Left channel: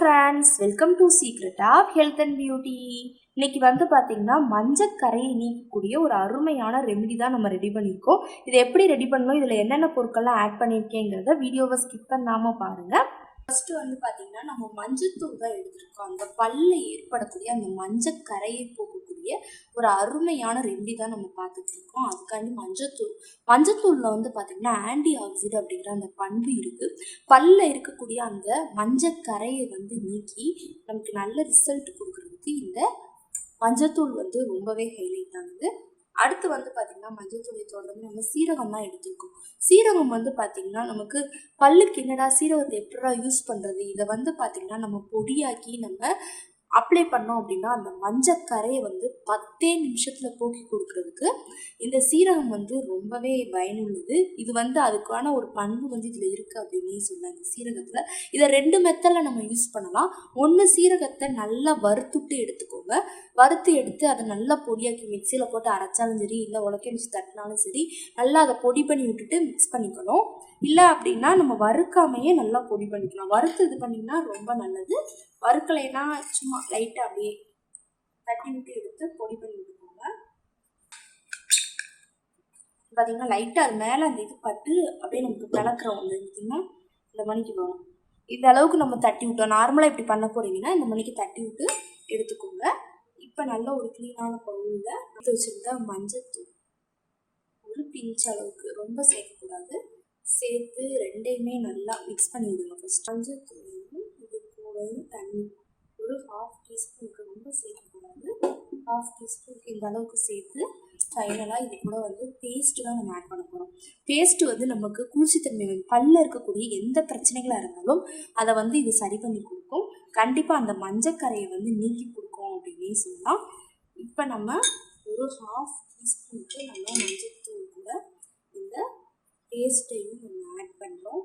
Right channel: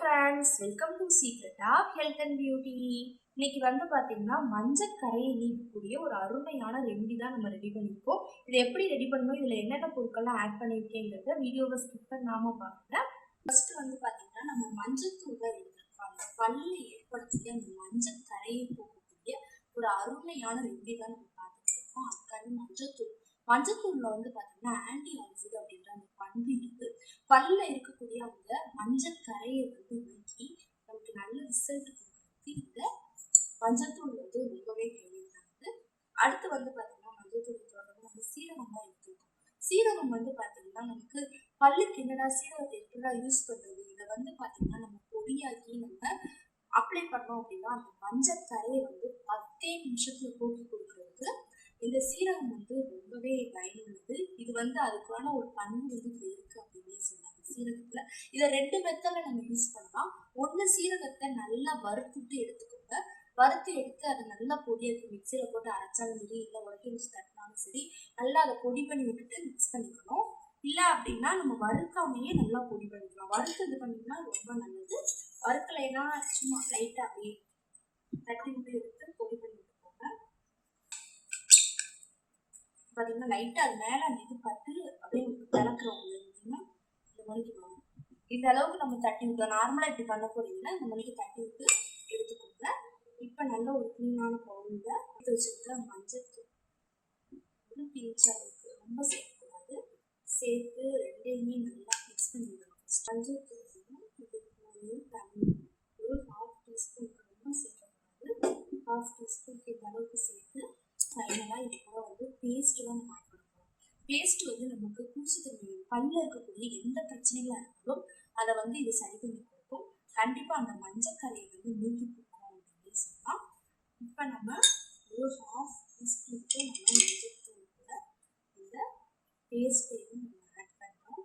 friends, welcome to Secret of Health and Beauty. இன்னைக்கு பாத்தீங்கன்னா மஞ்சக்கரையை நீக்கக்கூடிய ஒரு அருமையான ரெமெடி தான் நம்ம ரெடி பண்ணிருக்கோம். இதை எப்படி ரெடி பண்ணனும், இதுல என்னென்ன பொருட்கள்லாம் ஆட் பண்ணிருக்கேங்கறத வீடியோவை ஸ்கிப் பண்ணாம பாருங்க. ஃபர்ஸ்ட் பாத்தீங்கன்னா நம்ம மஞ்சத்தூள் தான் எடுத்துருக்கோம். அந்த பல்ல ஏற்படக்கூடிய அந்த மஞ்சக்கரையை போக்கக்கூடிய ஒரு அருமையான ரெமெடி தான் நம்ம பார்த்துட்டு இருக்கோம். அதுக்காண்டி மஞ்சத்தூள்ல பாத்தீங்கன்னா ஆன்டி ஆக்சிடென்ட் அப்படிங்கிற அந்த பண்பு இருக்கு. பல்ல இருக்கக்கூடிய அந்த மஞ்சக்கரையை நீக்கி நமக்கு நல்ல ரிசல்ட் கொடுக்கறதுக்கு இந்த மஞ்சத்தூள் ரொம்பவே ஹைலைட் ஆகுது. அடுத்து பாத்தீங்கன்னா மஞ்சத்தூளை தொடர்ந்து நம்ம சீரகம் தான் எடுத்துருக்கோம். சீரகம் பாத்தீங்கன்னா நமக்கு பல்லுக்கு என்னடா சீரகத்தை எப்படா யூஸ் பண்றது, இதை பாத்தீங்கன்னா நம்ம பொடியாக்கி நம்ம அப்ளை பண்ணோம் அப்படின்னா அந்த மஞ்சக்கரையை 10 நிமிஷத்துல போக்கி கொடுக்கறதுக்கு இந்த சீரகம் ரொம்பவே பயனுள்ளது. இது அதுக்கான ஒரு பண்பு இதுல இருக்கு அப்படின்னு சொன்னாங்க. சீரகத்துல இதை 2 மெத்தட்ல நம்ம யூஸ் பண்ணலாம். ஒன்று, சீரகத்தை நல்லா வறுத்துட்டு எடுத்துக்கோங்க. வறுத்து எடுத்து அதை நல்லா பொடியாக்கி மிக்சியில போட்டு அரைச்சாலும் சரி, இல்லை உலக்கை வச்சு தட்டினாலும் சரி, நல்லா அதை பொடி பண்ணி விட்டுட்டு மிக்ஸ் பண்ணிக்கணும். இல்லை அப்படின்னா நம்ம வறுக்காமையே நல்லா பொடி பண்ணிக்கலாம். வறுத்து இது பண்ணிங்கன்னா ரொம்ப நல்லது. வறுக்கலைன்னா சும்மா லைட்டாக அப்படியே தட்டி விட்டு எடுத்து பொடி பண்ணி விட்டுக்கோங்க. பார்த்தீங்கன்னா லைட்டாக அது மேலே அந்த இது பட்டு அப்படியே நமக்கு பிளக்கிறோம். பார்த்தீங்கன்னா இந்த மணிக்கு வரும். இந்த அளவுக்கு நம்ம தட்டி விட்டோம். நார்மலாக இப்படி பண்ண போறீங்கன்னா இந்த மணிக்கு தட்டி விட்டு எடுத்துக்கோங்க. இப்போ நல்ல ஒரு க்ளீனான பவுலில் எடுத்து வச்சுருந்தா மஞ்சத்தூள் ஒரு பிஞ்ச் அளவுக்கு, ரொம்ப சேர்க்கக்கூடாது, சேர்த்து ரெண்டையுமே நல்லா மிக்ஸ் பண்ணி விடுங்க. ஃபர்ஸ்ட் மஞ்சத்தூளையும் இது கூடயும் தண்ணி ஒரு 1/2 டீஸ்பூனுக்கு, ரொம்ப சேர்க்கக்கூடாது, 1/2 டீஸ்பூனுக்கு இந்த அளவுக்கு சேர்த்து ஃபைனலாக இது கூட பேஸ்ட்டு தான் நம்ம ஆட் பண்ண போகிறோம். பேஸ்ட்டு நமக்கு குளிர்ச்சித்தன்மை பல்லில் இருக்கக்கூடிய எந்த பிரச்சனைகளாக இருந்தாலும் அதை இது சரி பண்ணி கொடுக்கும். கண்டிப்பாக அந்த மஞ்சக்கரையை நீக்கி கொடுக்கும் அப்படின்னே சொல்லலாம். இப்போ நம்ம ஒரு 1/2 டீஸ்பூனுக்கு நம்ம மஞ்சத்தூள் கூட இந்த பேஸ்ட்டையும் நம்ம ஆட் பண்ணுறோம்.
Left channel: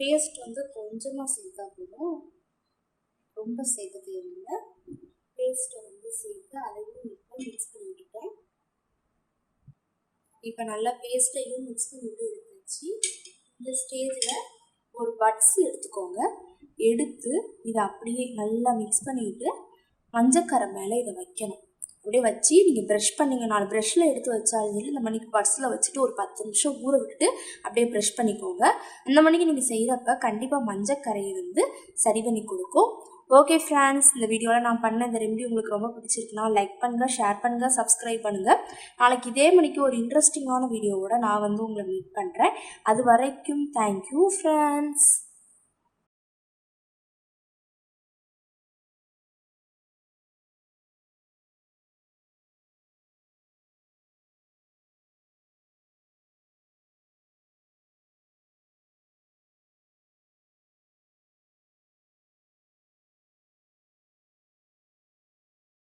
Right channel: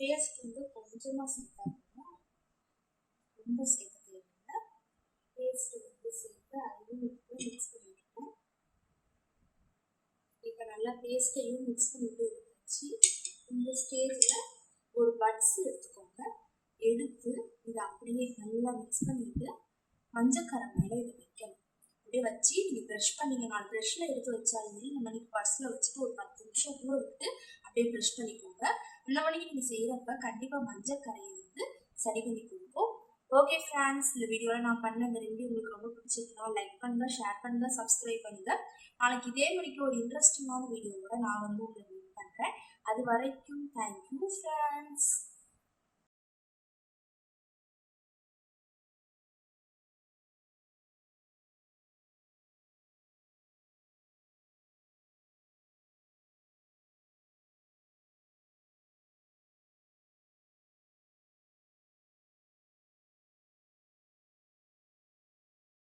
பேஸ்ட் கொஞ்சமாக சேர்த்தா போதும், ரொம்ப சேர்க்க தேவையில்லை. பேஸ்ட்டை சேர்த்து அதையும் இப்போ மிக்ஸ் பண்ணி விட்டுட்டேன். இப்போ நல்லா பேஸ்ட்டையும் மிக்ஸ் பண்ணிவிட்டு எடுத்துச்சு. இந்த ஸ்டேஜில் ஒரு பட்ஸ் எடுத்துக்கோங்க. எடுத்து இதை அப்படியே நல்லா மிக்ஸ் பண்ணிவிட்டு மஞ்சக்கரை மேலே இதை வைக்கணும். அப்படியே வச்சு நீங்கள் ப்ரஷ் பண்ணிங்க. 4 ப்ரஷ்ஷில் எடுத்து வச்சாலும் இந்த மணிக்கு பட்ஸில் வச்சுட்டு ஒரு 10 நிமிஷம் ஊற விட்டுட்டு அப்படியே ப்ரஷ் பண்ணிக்கோங்க. அந்த மணிக்கு நீங்கள் செய்கிறப்ப கண்டிப்பாக மஞ்சக்கரையை சரி பண்ணி கொடுக்கும். ஓகே ஃப்ரெண்ட்ஸ், இந்த வீடியோவில் நான் பண்ண இந்த ரெமெடி உங்களுக்கு ரொம்ப பிடிச்சிருக்குன்னா லைக் பண்ணுங்கள், ஷேர் பண்ணுங்கள், சப்ஸ்கிரைப் பண்ணுங்கள். நாளைக்கு இதே மணிக்கு ஒரு இன்ட்ரெஸ்டிங்கான வீடியோவோட நான் உங்களை மீட் பண்ணுறேன். அது வரைக்கும் தேங்க்யூ ஃப்ரெண்ட்ஸ்.